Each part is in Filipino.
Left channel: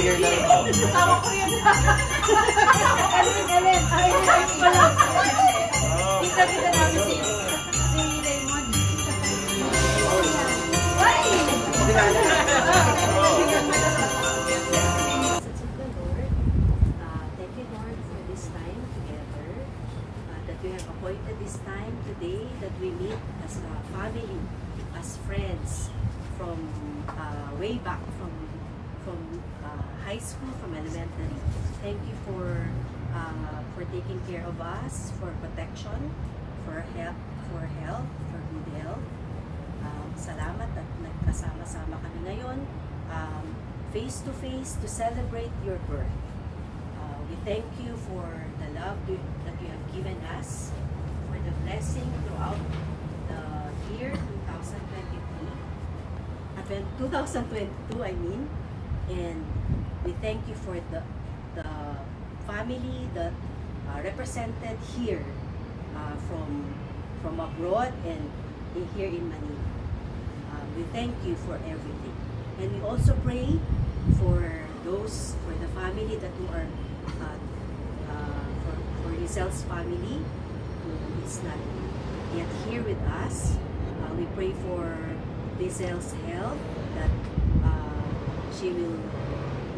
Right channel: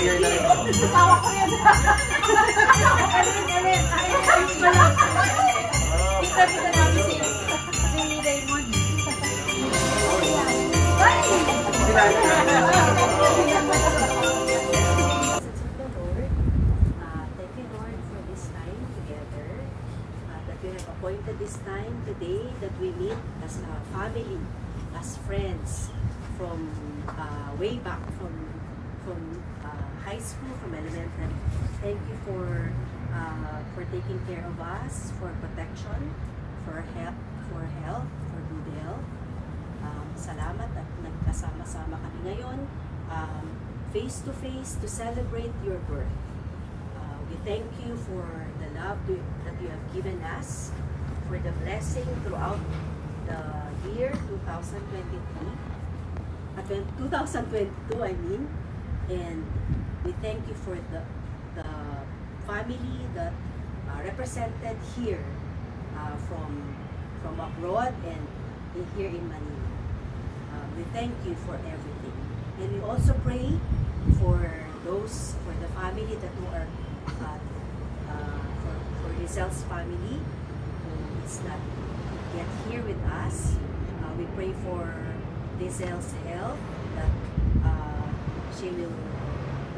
year na rin. Tawa ko rin. Ellen. Kita namin si Raymond. Ay! Thank you, Lord, for this time together. That you have appointed this time today that we meet as a family, as friends from way back from high school, from elementary. Thank you for taking care of us, for protection, for help, for good health. Salamat at nagkasama-sama kami ngayon, face to face to celebrate your birth. We thank you for the love that you have given us, for the blessing throughout the year 2022, I mean, and we thank you for the family that are represented here from abroad and here in Manila. We thank you for everything, and we also pray for the family that who are for Rizel's family who is not yet here with us. We pray for Rizel's health, that she will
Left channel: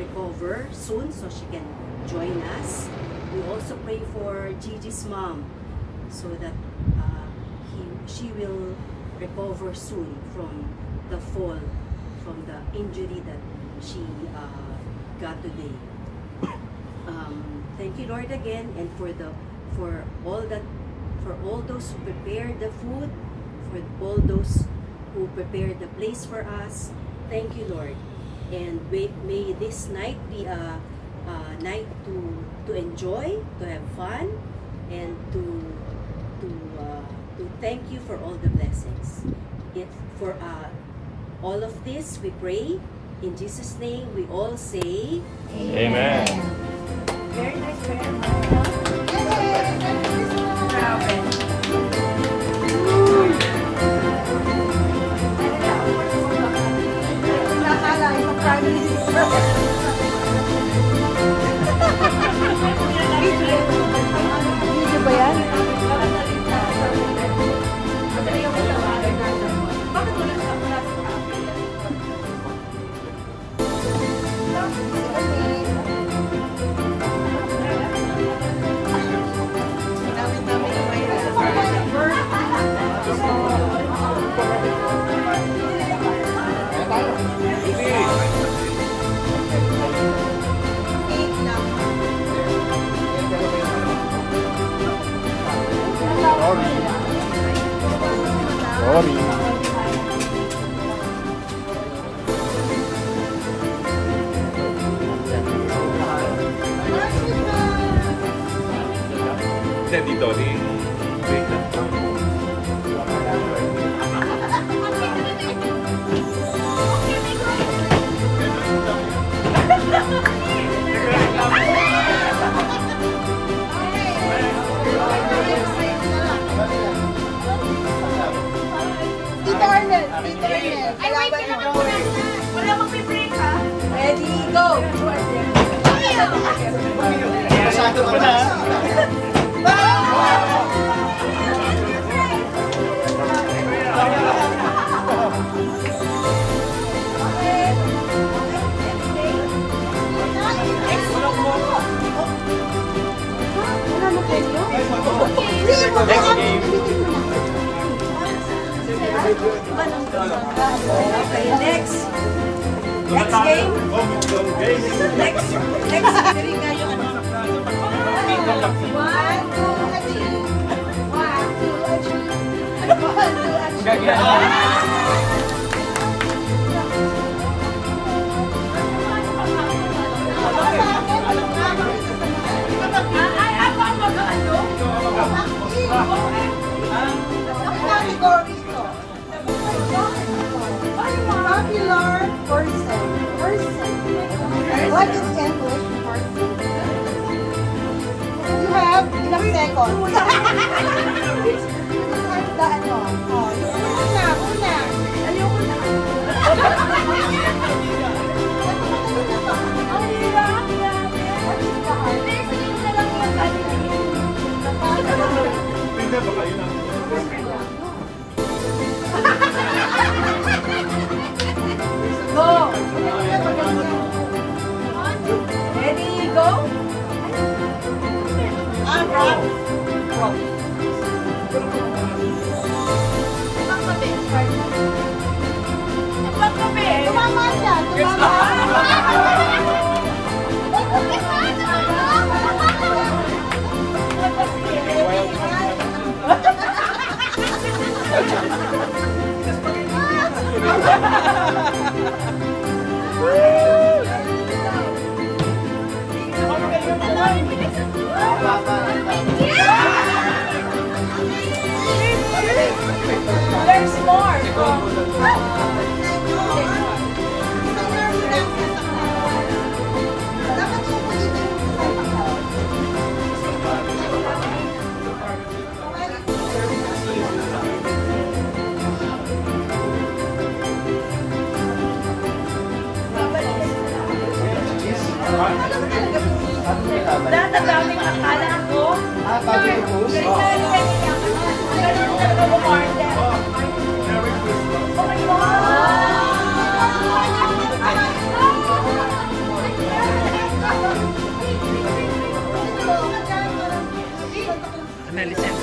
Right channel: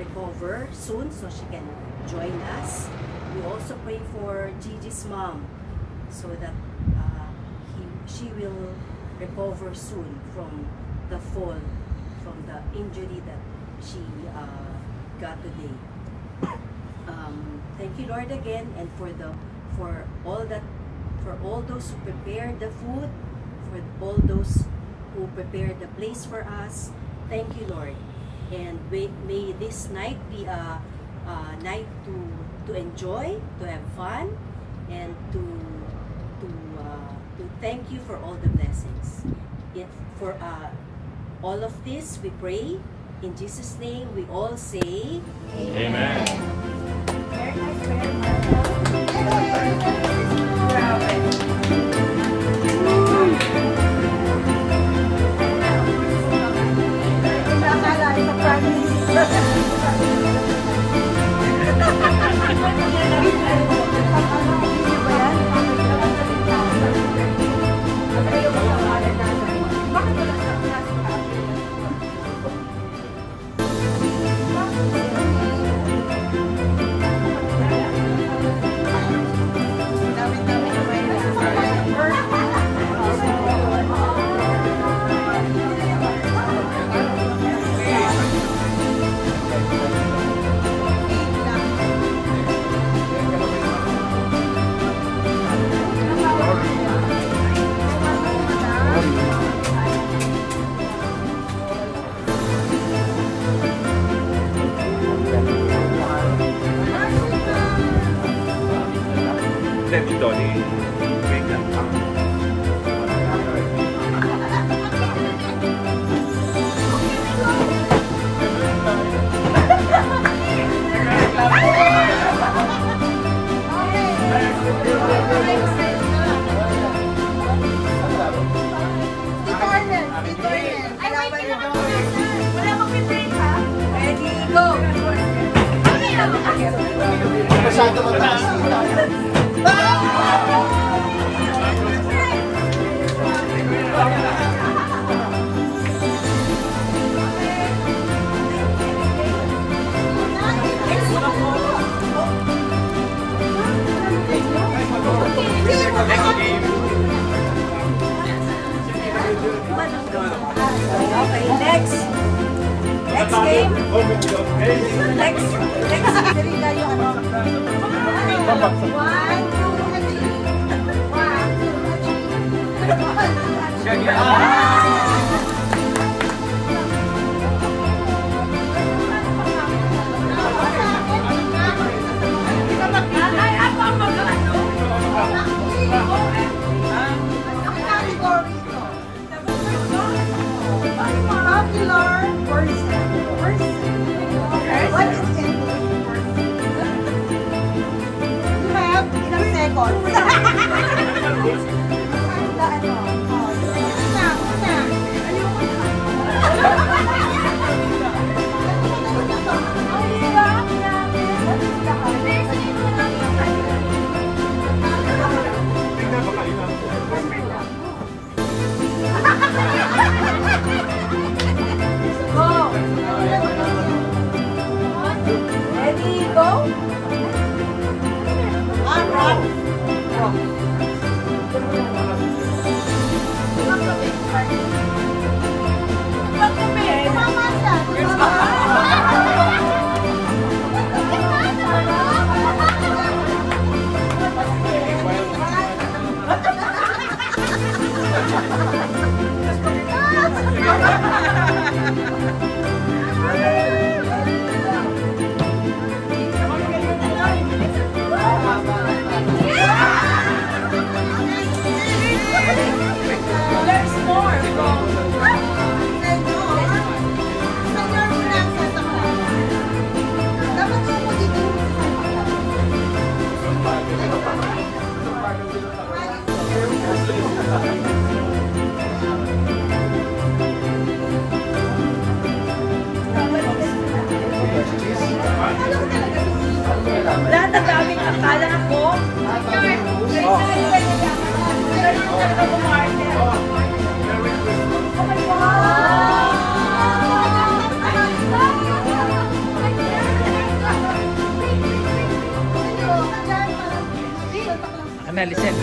recover soon so she can join us. We also pray for Gigi's mom so that she will recover soon from the fall, from the injury that she got today. Thank you, Lord, again, and for all those who prepared the food, for all those who prepared the place for us. Thank you, Lord, and may this night be a night to enjoy, to have fun, and to thank you for all the blessings. For all of this, we pray in Jesus' name. We all say, Amen. Very nice prayer, Dito ni break na. Ay, wait, wala mag-break ha? Ready, go! Masyado mataas. Next game. Next. Dali kayo ano. 1, 2, 3. Popular person. What is English? You have ilang seconds. Una. Hindi, baka yun ang... Go! Ready, go? Rock. Rock. Tumama siya. There's more from lahat ng daming akala ko. Ganun talaga bumarte. Oh my God! Analysis.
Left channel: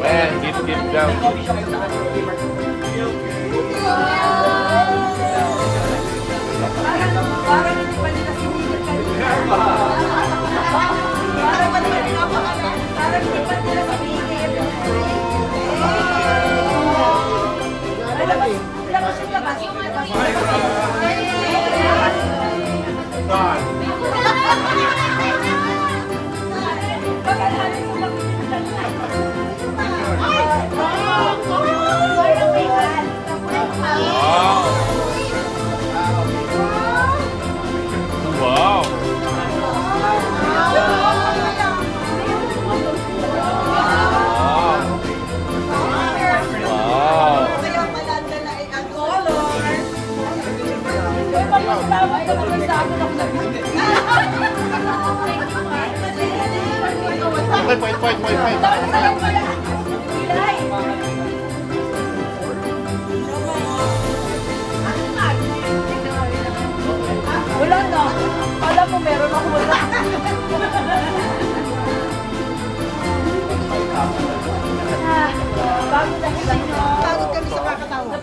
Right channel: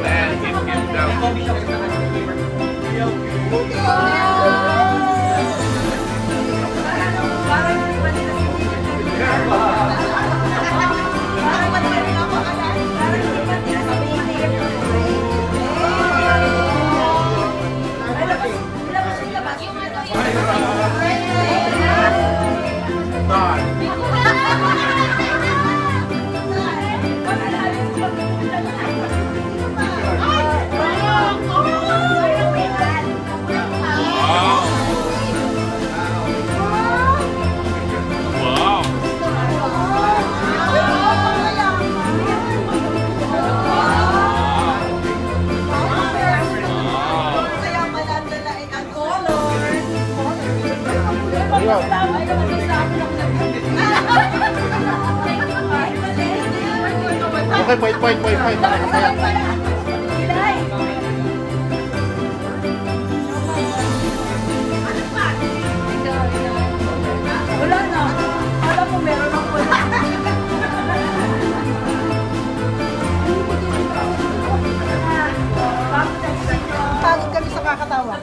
And keep Wala na. Alam mo, meron ako. Pagod kami sa kakatawa.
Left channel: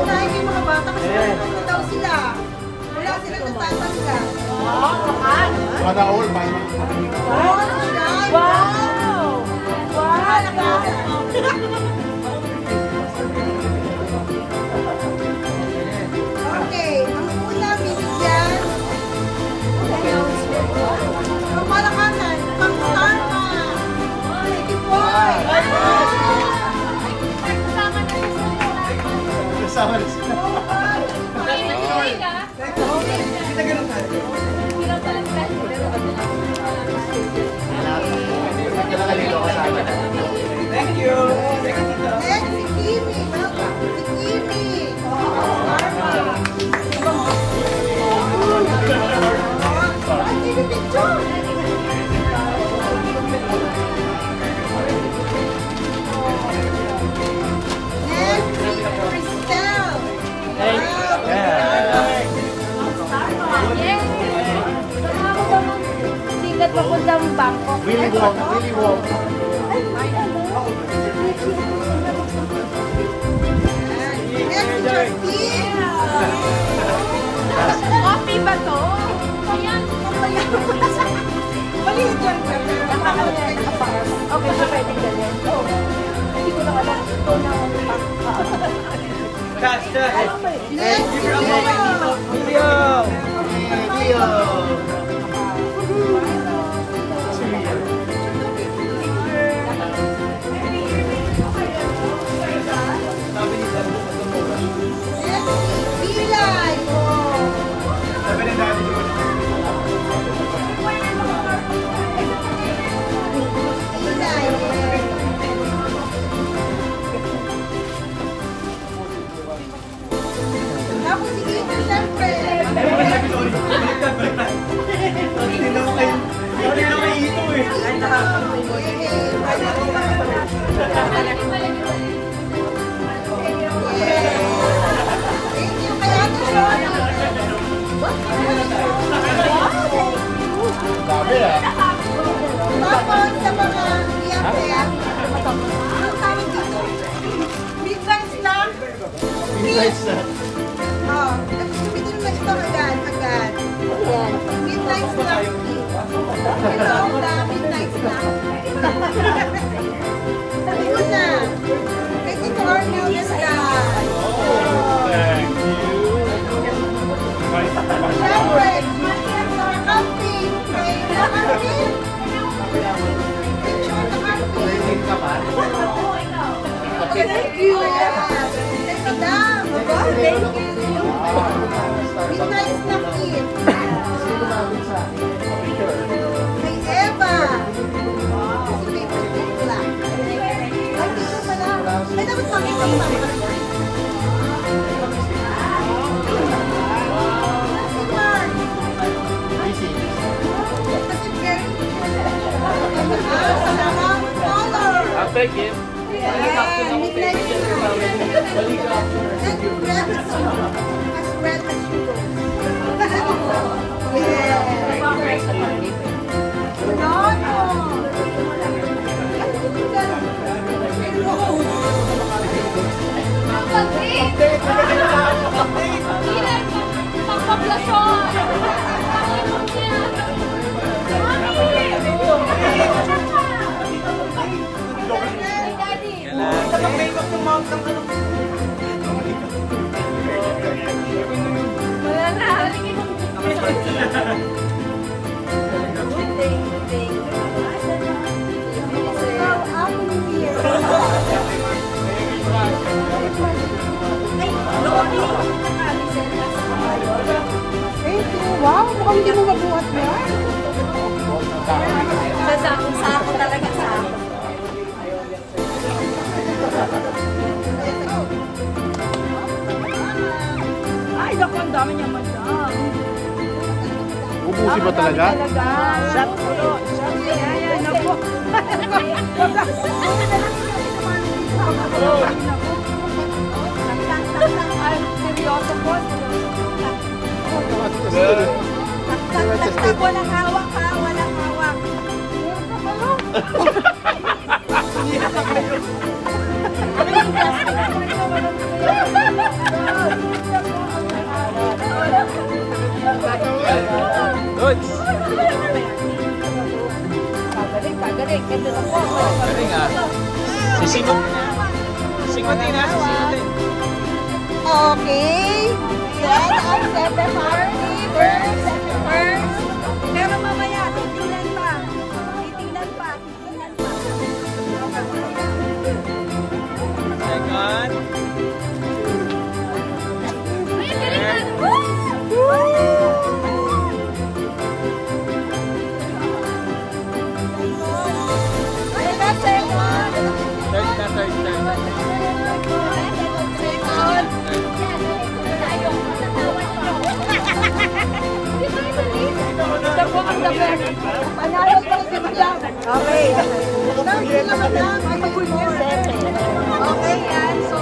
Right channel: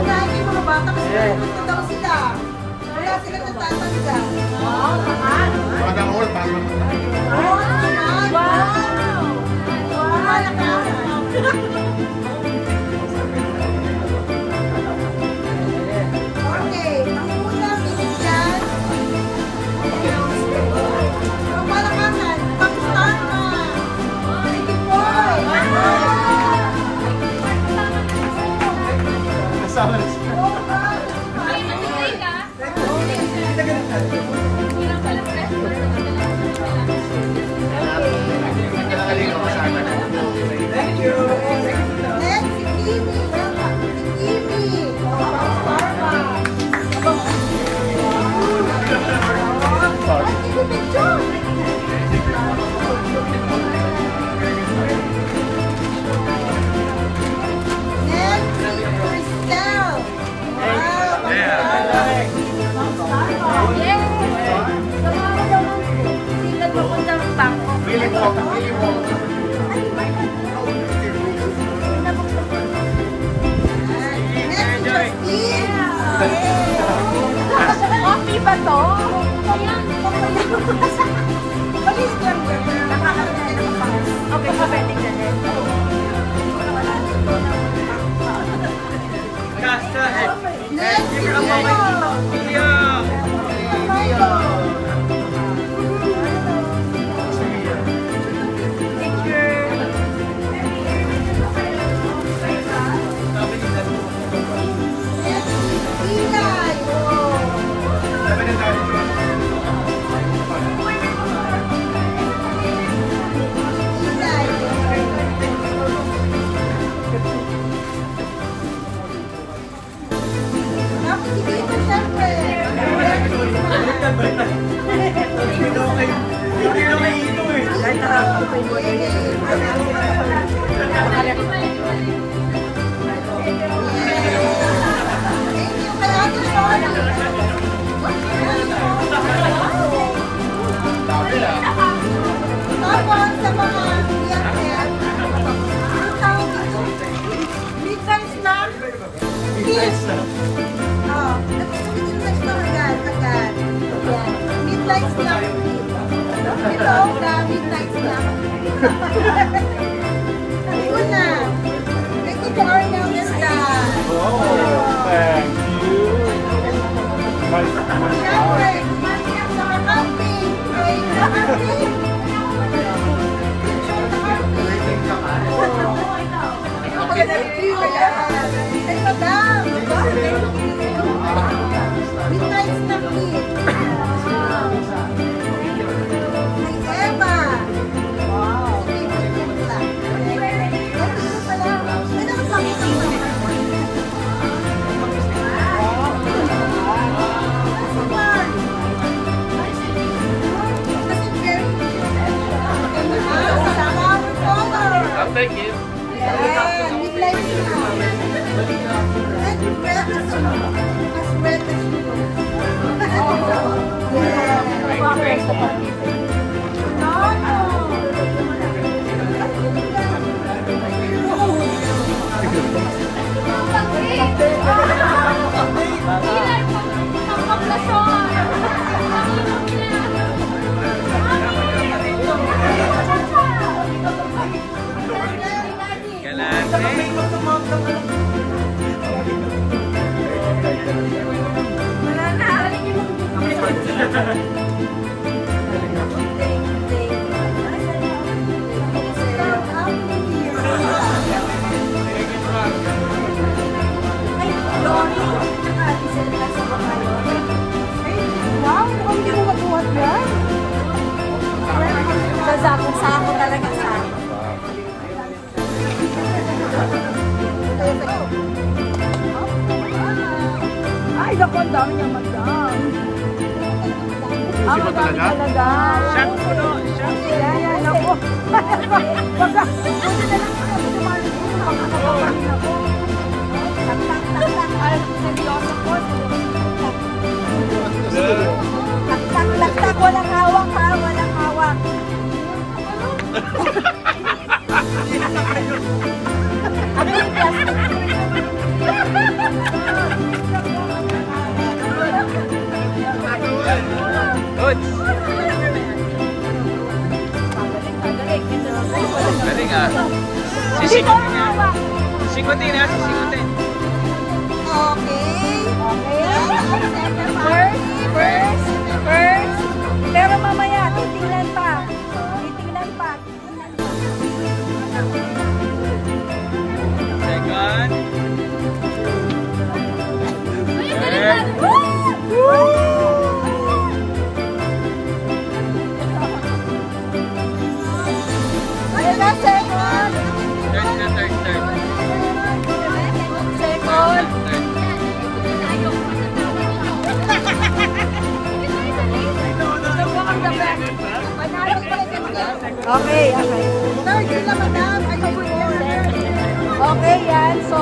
Unahin yung mga bata kasi nalipot na daw sila. Wala silang nagtatangga. Para all, Oh, wow! Wow! Malakasan. Okay, ang una binigyan. Ang malakasan, pang-star ka. Sige boy! kasama na sila. Kita ganun natin. Thank you. Next, si Kimi. Welcome. Si Kimi. Ay, Kimi picture. Next, si Cristel. Sikat papuntang bangko. Really walk, really walk. Next, si Justine. Coffee ba to? Maliit lang ba? Okay, so pwede ka din. Next, si Leo. Leo. Thank you kay Ate Shirley. Tapos sa mga BFF, ang tawag dito, midnight snack. Kids. Oh, at sumitin na ito agad. Yan. Midnight snack. Hello, the midnight snack. Una, kay Tito Arnel and Dad. Thank you. Siyempre, sa camping, kay camping. Picture sa camping. Thank you. Kay Madam. Thank you. Midnight snack kid. Kay Eva. Sige, picture lang. Ay, dito pala. May dapat makita mo. Si Mark. Kasi very sa flower color. I'll take it. Yan, midnight snack. And red as red as you go. Yeah. No. Wow, hindi mo mabuhat yan. Sa sakong-sako talaga sako. Ay, naku, ang dami niya madam. Ubusin mo talaga? Shot po, no? Shot. Yan, naku. Wag ka. Buti na lang siya. Sumali dito. Pagkakapapahin ako. Ay, seryoso po. Walang hawak ha. Walang hawak. Good. Galing ah. Sisingutin na. Sisingutin na. Sisingutin. Okay. First. Pero mamaya, titingnan pa. Second. Third. Ayun na, second. Third na, third. Second. Third. Panalang pala si Madam. Okay. Third na, Madam. Okay, yan. So,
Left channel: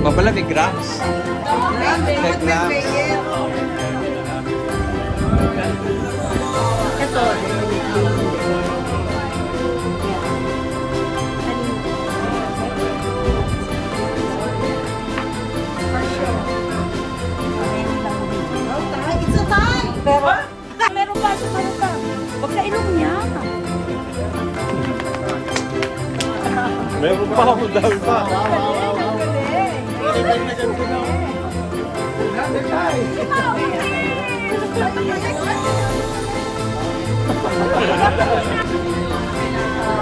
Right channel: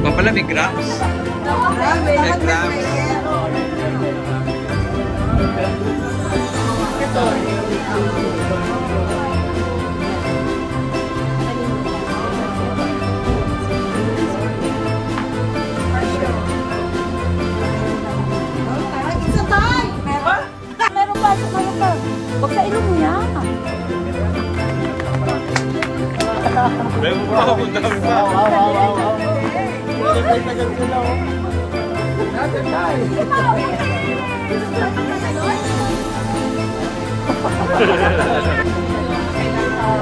Mapala may grams. Gram. Ito. It's a tie. Pero, meron pa. Huwag sa ilong niya. Meron pa ako daw.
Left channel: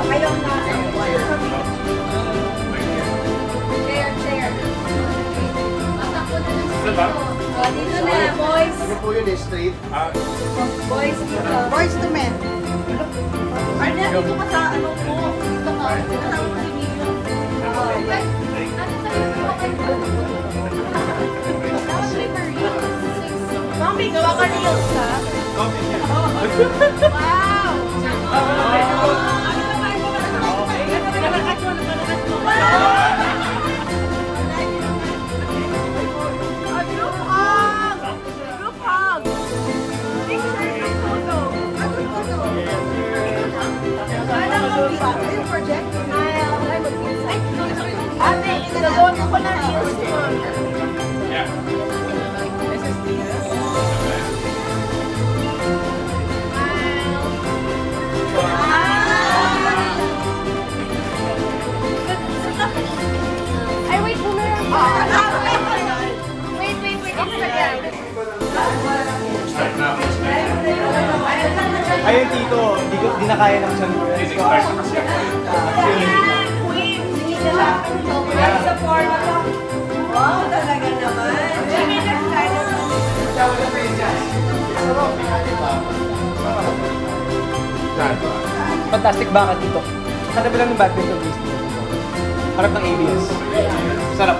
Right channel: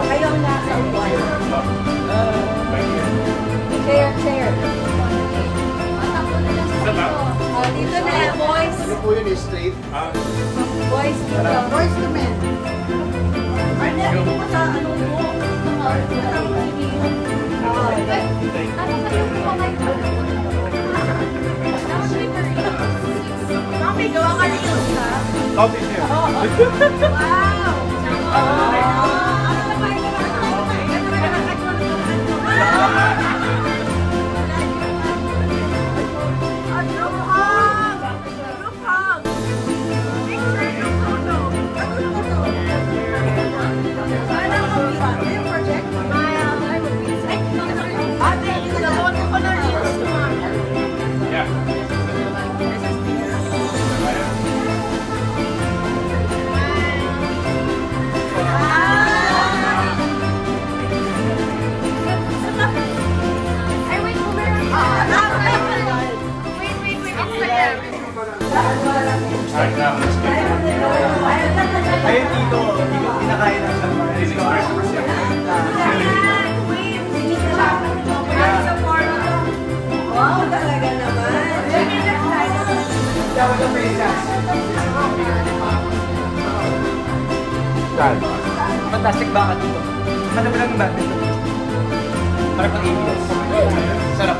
Kayong na. Chair. Dito na, boys. Hindi po yun straight. Boys, dito. Boys to men. Arnel, dito ka sa ano mo. Dito ka. Kasama mo si Mio. Ano kayo mo kayo? Comic mga reels, ha? Coffee here. Wow! Ano naman ko, hindi na kaya ng isang Wow, talaga naman. Fantastic bakit dito. Hanap lang yung bagay ko. Para pang ABS. Sarap.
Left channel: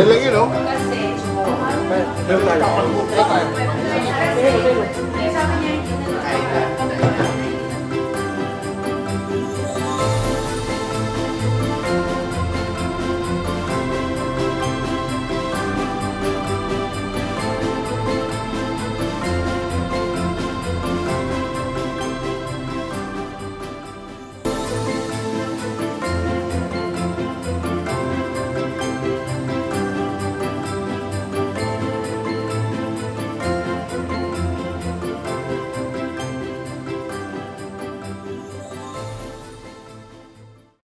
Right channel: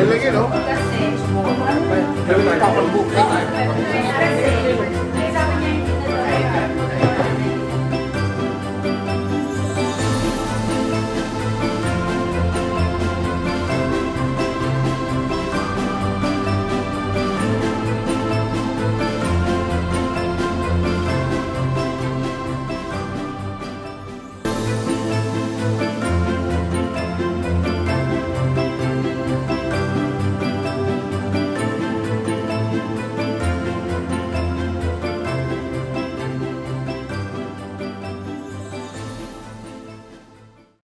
Yan lang yun, oh. Kasi, Yan lang.